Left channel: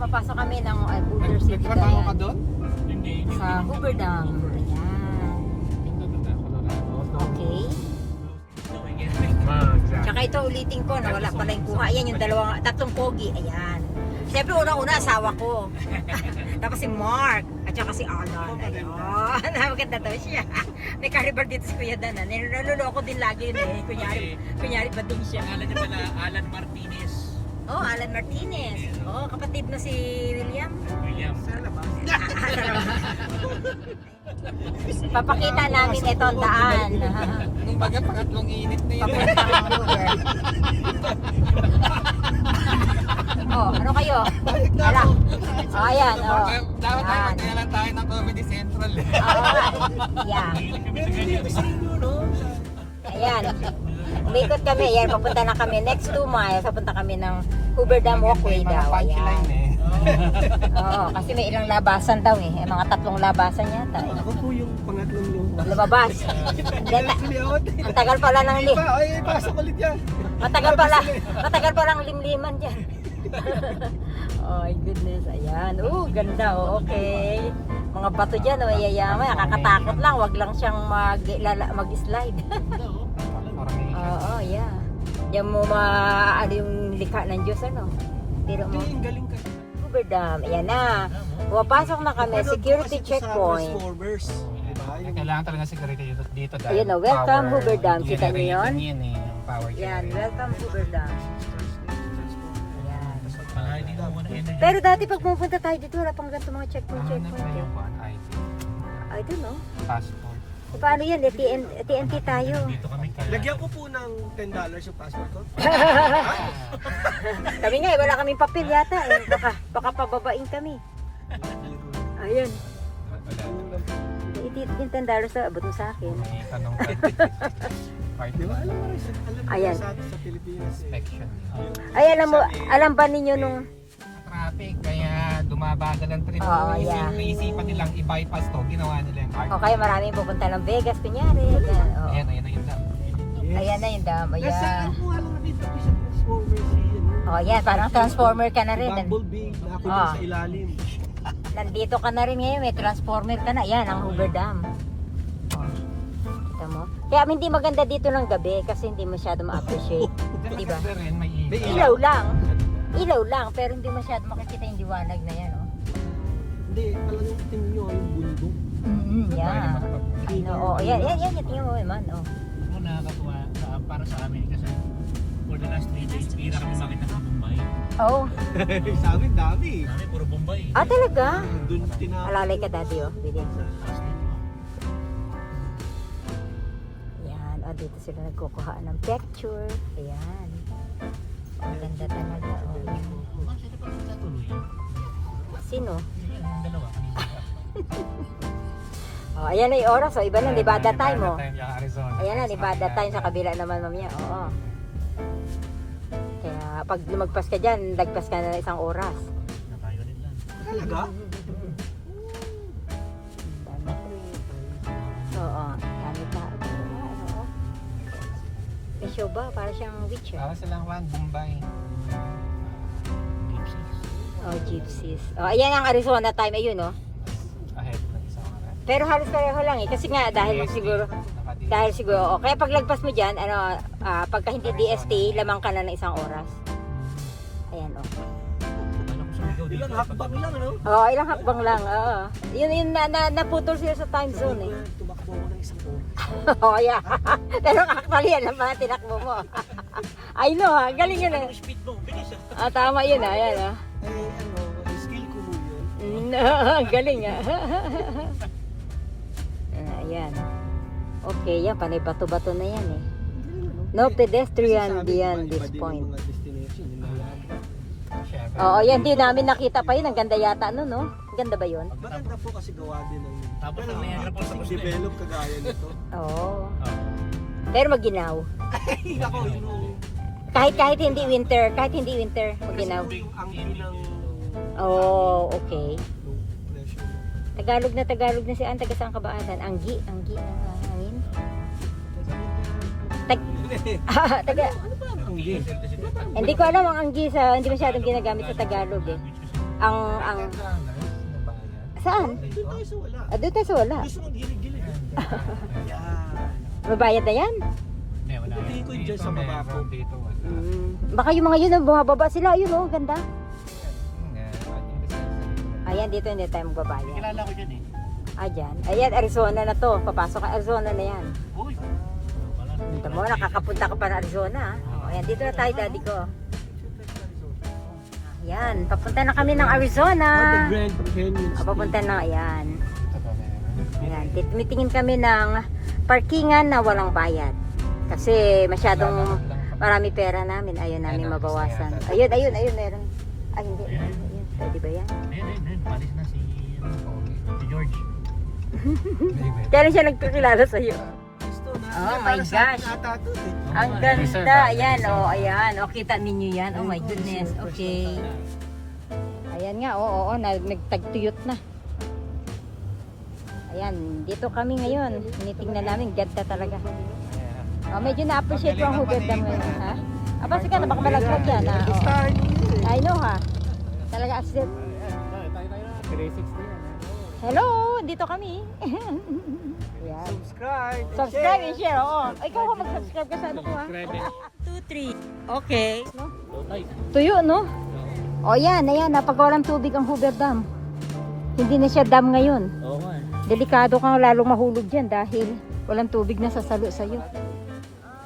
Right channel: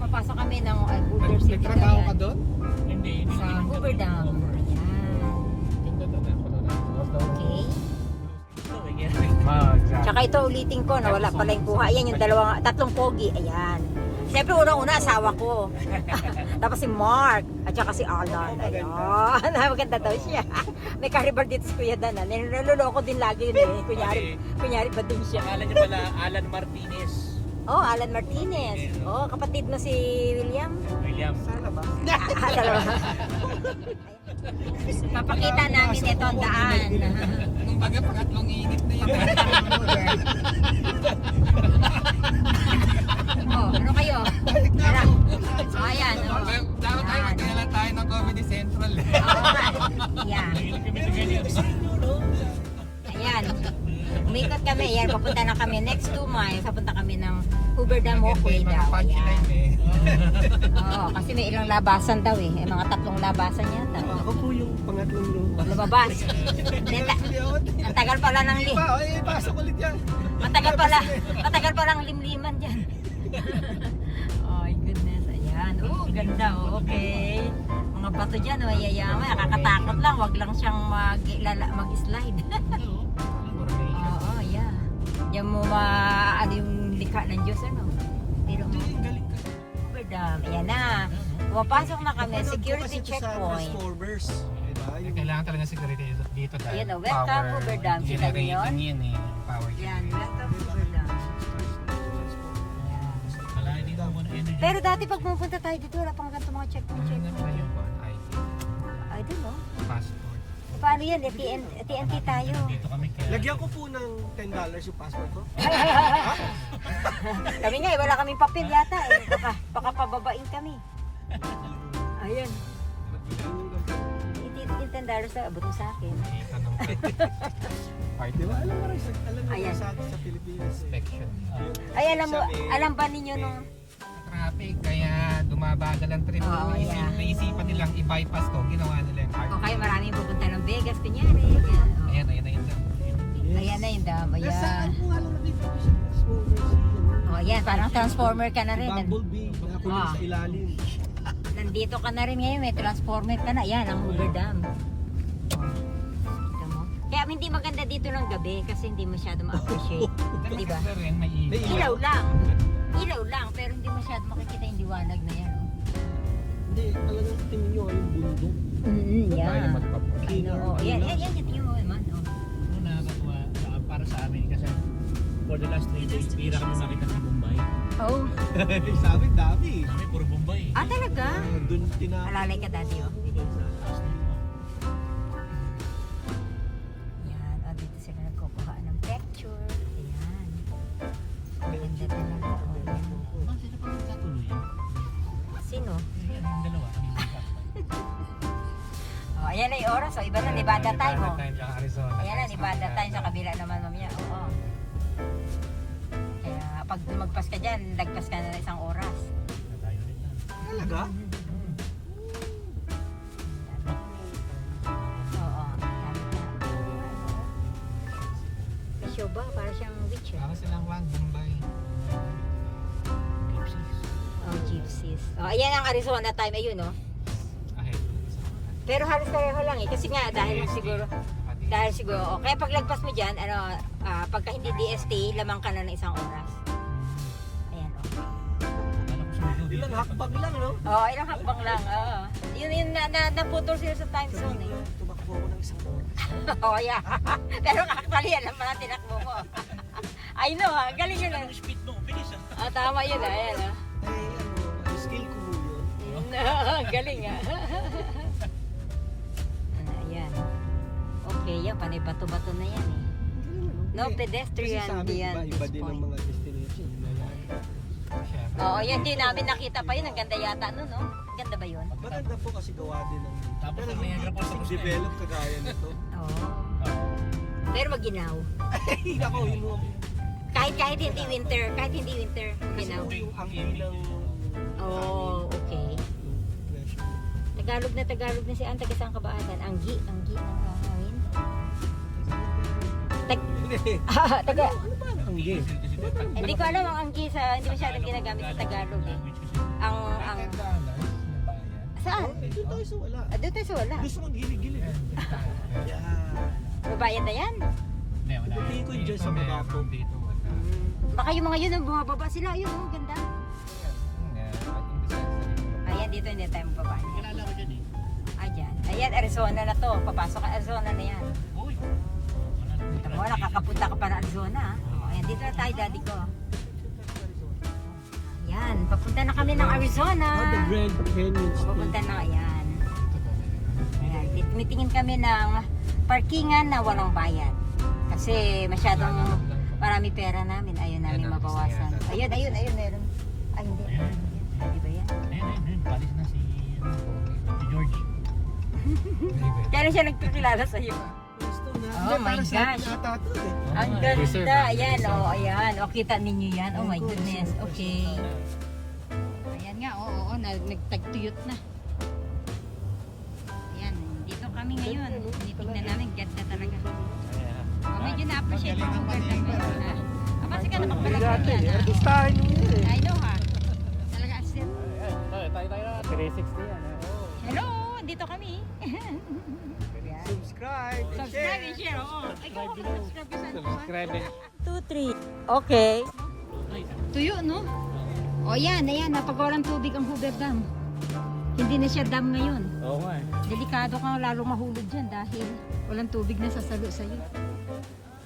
papasok kami ng Hoover City. Nagtrabaho ka doon? Hindi. Sa Hoover Dam. Okay. Tsaka ito ulitin ko na wala pala yung kuha. Ayan yung tatlong pogi. Ayan. Siyempre unang-una asawa ko. Tapos si Mark at saka si Alan. Ayun. Maganda daw siya. May carnival dito si Kuya Dan. Niloloko din lagi yun eh. Kunyari ba din siya? Alan niya pala, Alan Martinez. Oh, Alan Martinez. Oh, kapatid mo si William. William. Sana ba? Papakita namin ito ang daan. Yung baga pangatlong init na yun. Oh, ano kayo? Tara. Oh, ayan. Oh. Dapat tayo magkailan tayo ng Comedy Central. Yeah. Ayan. Umikot kami. Ayan, papunta na kami. Next 2 miles, papunta kami ng Hoover Dam Walkway daw. Ayan. Oo, kasi may ilang labasan daw eh. Mga 3 labasan yata. Ako po yung pangatlong lumabas. Lumabas. Ang tagal pala ng Ay, pasok ulit yan. Matagal pala ang limliman dyan. Oh my goodness, ayan. Ganda, okay. Mga bato dyan, yayaman. Nakakatakot lang, wag lang siyang mag-slide. Oo, yeah. Yan mo ano yung likha ng Diyos, ano? Tiro mo. Galing ka. Hoover Dam, ayan na. Pumapasok na kami, security checkpoint. Transformers. Diba? Kailangan talaga security dito dahil Ayun, welcome Hoover Dam. Kita niyo yun? Yan eh, power Yan, welcome Hoover Dam. Hindi ko muna energy. Pero dati pag pumunta tayo dito, wala pang ganito mga checkpoint. I don't know. Passport. Paano yan? TNT tayo. Dito kami kaya. Lagyan ko po ng $10 yung passport ko. Kami nga, wala kaming papel yata. Baka pababain kami. Ayun. Yung $10 na abot mo sa akin. Tanong part Di ba? Alam mo rin, Ayan. sa Pilipinas. inspection. Ay, alam ba ninyo nung... Traffic, kaya dumabagal ang trip. Oo, yeah. Naisipan nilang i-bypass to, ginawa nila yung part. O kaya maraming pupunta ng Vegas, kunyari. Yan, o. Ayan na yun dam. Ayan na yung dam. Nasa Ayan. kuha lang namin ito sa Transformers. O, yan. Parang transformer ka na rin. Bumblebee na ako Ah. sa ilalim. Nandito ka na rin ngayon. May transformer ka na. Ayan, ang Hoover Dam. O. Kita mo? Kaya hindi maganda dito ng gabi kasi hindi masyado ma-appreciate. Di ba? Pero rin, may May Ilaw lang. Ilaw lang, pero hindi masyado makikita yung liwanag na yan, oh. Hindi, talagang tingin nyo yung bundok. Yeah. Ano, oh, yan, tingnan mo naman, oh. Kung nakakatuwa para sa amin kasi for the last 3 days, pira kami makita ng Bombay. Oh, Sa amin, dami. Kami puro Bombay. talaga? Doon tinapos. Alalay ka dati, oh. Bili. Yan, oh, dito sila nagkukuha ng picture. Ayan. Ang ganda talaga, oh. Yan. Sino? Dalawa kami. Oh, ayan na yung oras, oh. Iba na, Nevada time, oh. Nevada time, tsaka Arizona. Ayan na, Nevada time sa kabila naman, mamaya. Oo. Kaya pag lumagpas ka dyan, lagpas ka na ng 1 oras. Talaga? Oo, gamit na. May show ba? Para siyang witch, Para silang one, Bombay. Oh, gypsies. Oh, ayan ang Arizona time, ayun, oh. Ahead lang sa mga. Pero halos pareho lang, eh. Kasi nga, dahil siguro, oh. Kaya pag lagpas mo dyan, pagka hindi DST, lamang ka na ng 1 oras. Ayan, oh. Ilang hakbang lang, no? Oo, ilang hakbang lang, oo. Yun naputol sila sa time zone, eh. Tumakbo ko ng 1 oras. Oo, yeah. Pero actually, yan ang mga tinakbo mo. I know, ha? Galing yun, ah. Speed mo, bilis ah. Ah, tama yun, ah. Ayan, ah. Skill ko mo yun. Galing, ah. Ayan. Okay, yan. Panay bato-bato na yan, eh. No pedestrian beyond this point. Mga destination, yun na yan. Oo, yan din namin nakita pa yun. Ang ganda yata nun, no? Ganda ba yun? Maganda po kasi gawa din ng Tapos ang Niagara Falls tapos na. develop kagaya nito. Oo. Pero maginaw. Ay, ako, yung Kahit hindi winter, maginaw. ang inang Oh, okay. low pressure. Tagalog na si Ann. Taga saan ka ba, Ann? Anggi ng hangin. Taga, Ano ba ang anggi? hindi ko alam ang anggi sa, hindi masyadong ginagamit sa Tagalog, eh. ang saan? Doon tayo sa wala. Doon tayo sa wala. Gusto mong gilid-gilid. Yan. Mabayad na yan? Hindi, wala. Tingin ko dyan sa baba po. Dito. Baka yung mga yun, bumababa sila. Ayun oh, ganda. Ayan, dito hindi tayo magbabayad. Kilala ko dyan eh. Ayan. Ayan, Arizona na to. Papasok ka Arizona na yan. Uy! Wala na. Ito mo, nakakapunta ka pa na Arizona. Ayan, dito na tayo, daddy ko. Ayan, papunta na kami ng Arizona. The Grand Canyon. Papunta na, ayan. Ayan, tumitingin kami ng parkingan na walang bayad. Kasi masyadong marami pera namin. Ayun namin mabawasan. Ayun, meron. Ay, hindi. Pwede ba yan? Ayun. Palis na si George. Kaya rin siya nagkakilala sa'yo. Oh my gosh. Ang ganda. Ayan, ayan. O, kita ninyo yan. Oh my goodness. Okay. Ayan nga, oo, nagtagtuyot na. Ayan, dito kami ngayon. Tinitingnan namin, ganda talaga. Medyo na-appreciate ko ang Hoover Dam ngayon, ha? Basta ka na, baka malaglag yan, ha? I know, ha? Talaga as it. 360 yan. Hello, dito kami. Subscribe and share, oo. Ikaw ko mag-subscribe ka sa ano, ha? 2, 3. Okay. Tuyo, no? O yan, napagawalan tubig ang Hoover Dam. Hindi na siya dam ngayon. Oo nga. Delikado kang lalong mahulog dyan dahil walang tubig na sasalo sa'yo.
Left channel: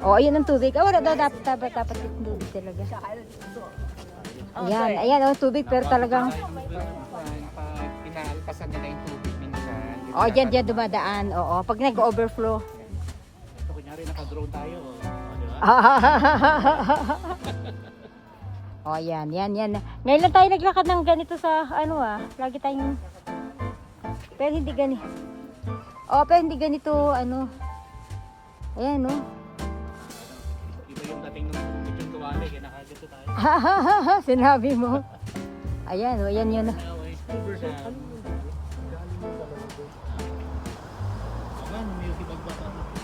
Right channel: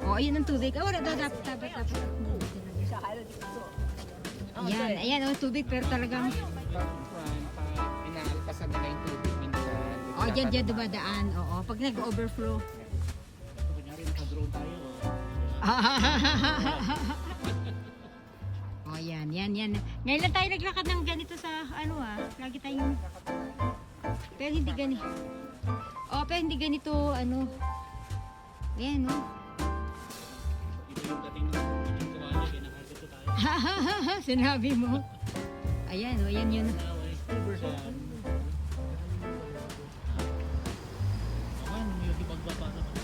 O, ayun ang tubig. Wala dapat yung tubig talaga. Ayan, tubig pero talagang... Pinaalpasan nila yung tubig minsan. O, dyan dumadaan. Oo, pag nag-overflow. So, kunyari naka-drone tayo. O, yan. Ngayon lang tayo naglakad ng ganito sa, lagi tayong... Pero hindi ganito. Pero hindi ganito, Ayan, no? Ito yung dating ng Kitchen Kawali, kaya nakagito tayo. Sinabi mo. Ayan, yun.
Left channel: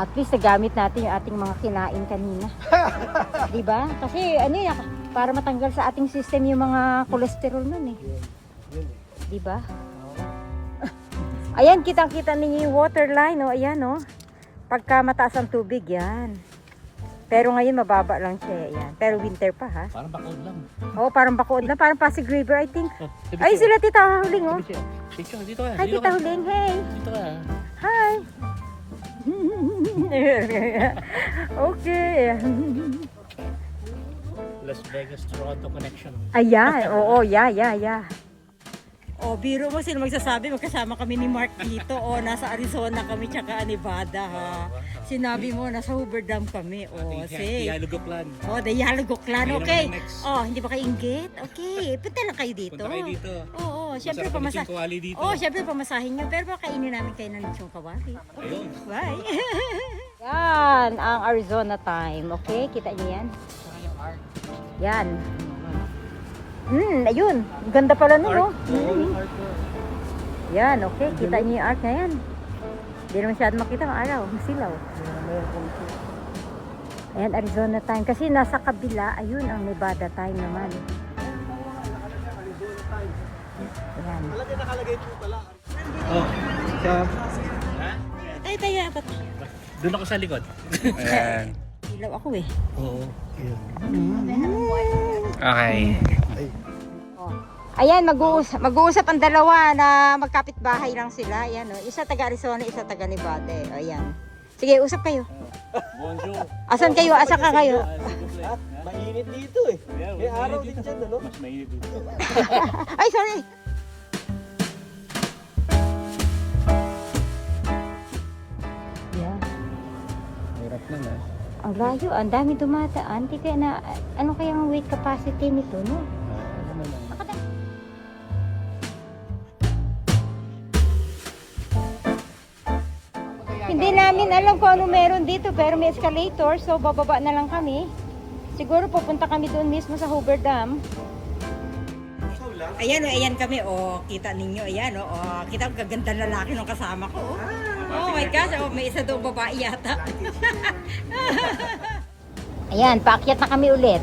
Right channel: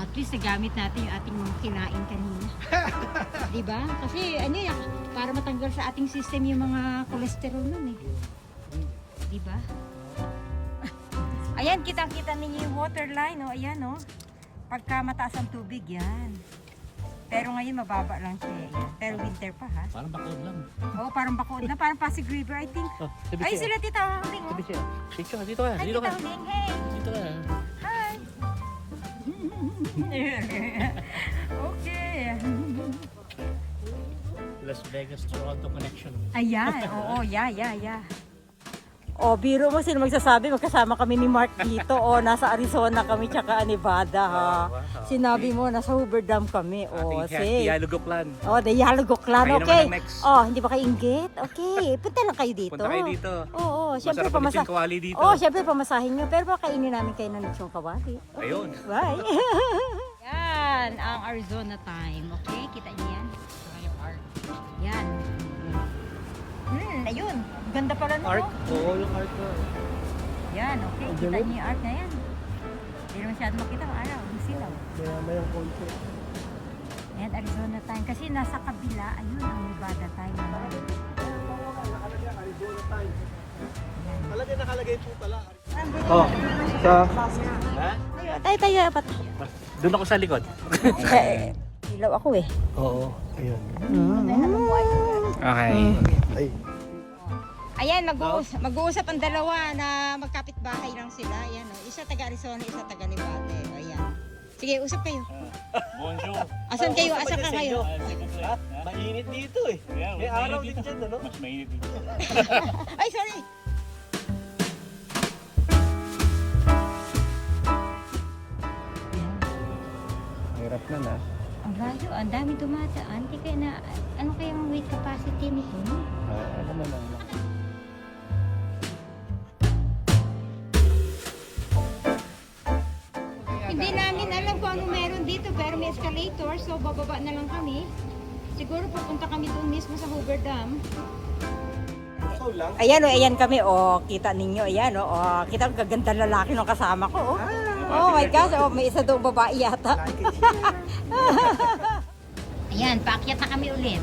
At least nagamit natin yung ating mga kinain kanina. Diba? Kasi para matanggal sa ating system yung mga cholesterol nun eh. Diba? Ayan, kitang-kita ninyo yung water line. Ayan, pagka mataas ang tubig, yan. Pero ngayon mababa lang siya. Yan. Pero winter pa, ha? Parang bakod lang. Parang Bacood na. Parang Pasig River, I think. Ay, sila Tita Huling, Dito ka. Hi, Tita Huling. Hey. Dito ka. Hi. Okay. Las Vegas Toronto connection. Ayan. Yeah. Biro mo sino magsasabi, magkasama kami ni Mark dito. Nasa Arizona kami tsaka Nevada, ha. Sinabi mo, nasa Hoover Dam kami. Say. Dialogo plan. Dialogo Clan. Kayo Okay. naman ang next. Hindi ba kayo inggit? Okay. Punta lang kayo dito. Punta kayo dito. Siyempre Masarap ang lechong kawali dito. Siyempre pamasahin nyo. Pero kainin namin kayo ng lechong kawali. Okay. Ayun. Bye. Yan, ang Arizona time. Okay, kita niyo yan? Yan. Ayun. Ganda pala no. Oo, yung art ko. Yan, okay. Kita niyo yung art na yan. Hindi naman masyado makita ang araw. Masilaw. Kaya mayroon konti. Ayan, Arizona time. Kasi nasa kabila, ayun, ang Nevada time naman. Ayan. Malagay nakalagay po pala. Tayo, apat. Doon ako sa likod. Ilaw ako eh. Oo. Ayun. Okay. Ayan, mag-uusap ang dalawa na magkapit-bahay lang sila. Ayan, isa taga Arizona, isa taga Nevada. Ayan. Sige, usap kayo. Bonjour. Asan kayo? Asan ka kayo? Mainit dito eh. May araw din dyan, ano? Mainit dito. Ay, sorry. Ayan. Hirap na. Ang layo, ang dami dumadaan. Di kaya na, ano kayang weight capacity nito, no? Ano lang. Hindi namin alam kung ano meron dito, pero may escalator, so bababa na lang kami. Siguro pupunta kami doon mismo sa Hoover Dam. Ayan, ayan kami. Kita ninyo. Ayan, kita ang gaganda lalaki ng kasama ko. Oh my gosh, may isa doon babae yata. Ayan, paakyat na kami ulit.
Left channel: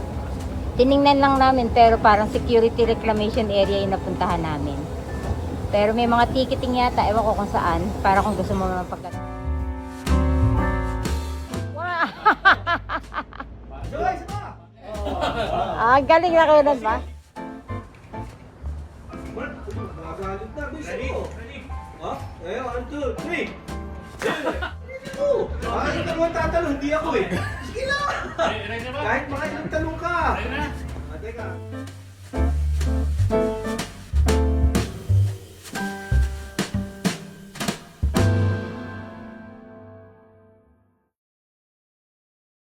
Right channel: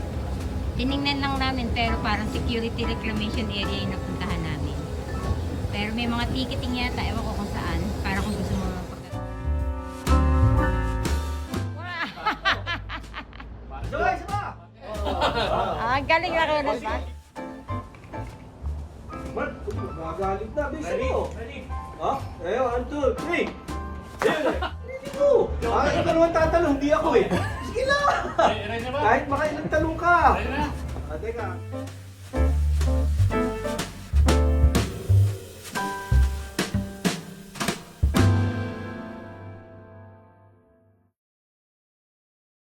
Tiningnan lang namin pero parang security reclamation area yung napuntahan namin. Pero may mga ticketing yata, ewan ko kung saan, para kung gusto mo mapag... Wow! Ah, galing na kayo nun ba? Magalit na, gusto mo. Ha? Eh, 1, 2, 3. Bakit ka naman tatanong? Hindi ako eh. Sige na! Kahit makailang tanong ka. Teka.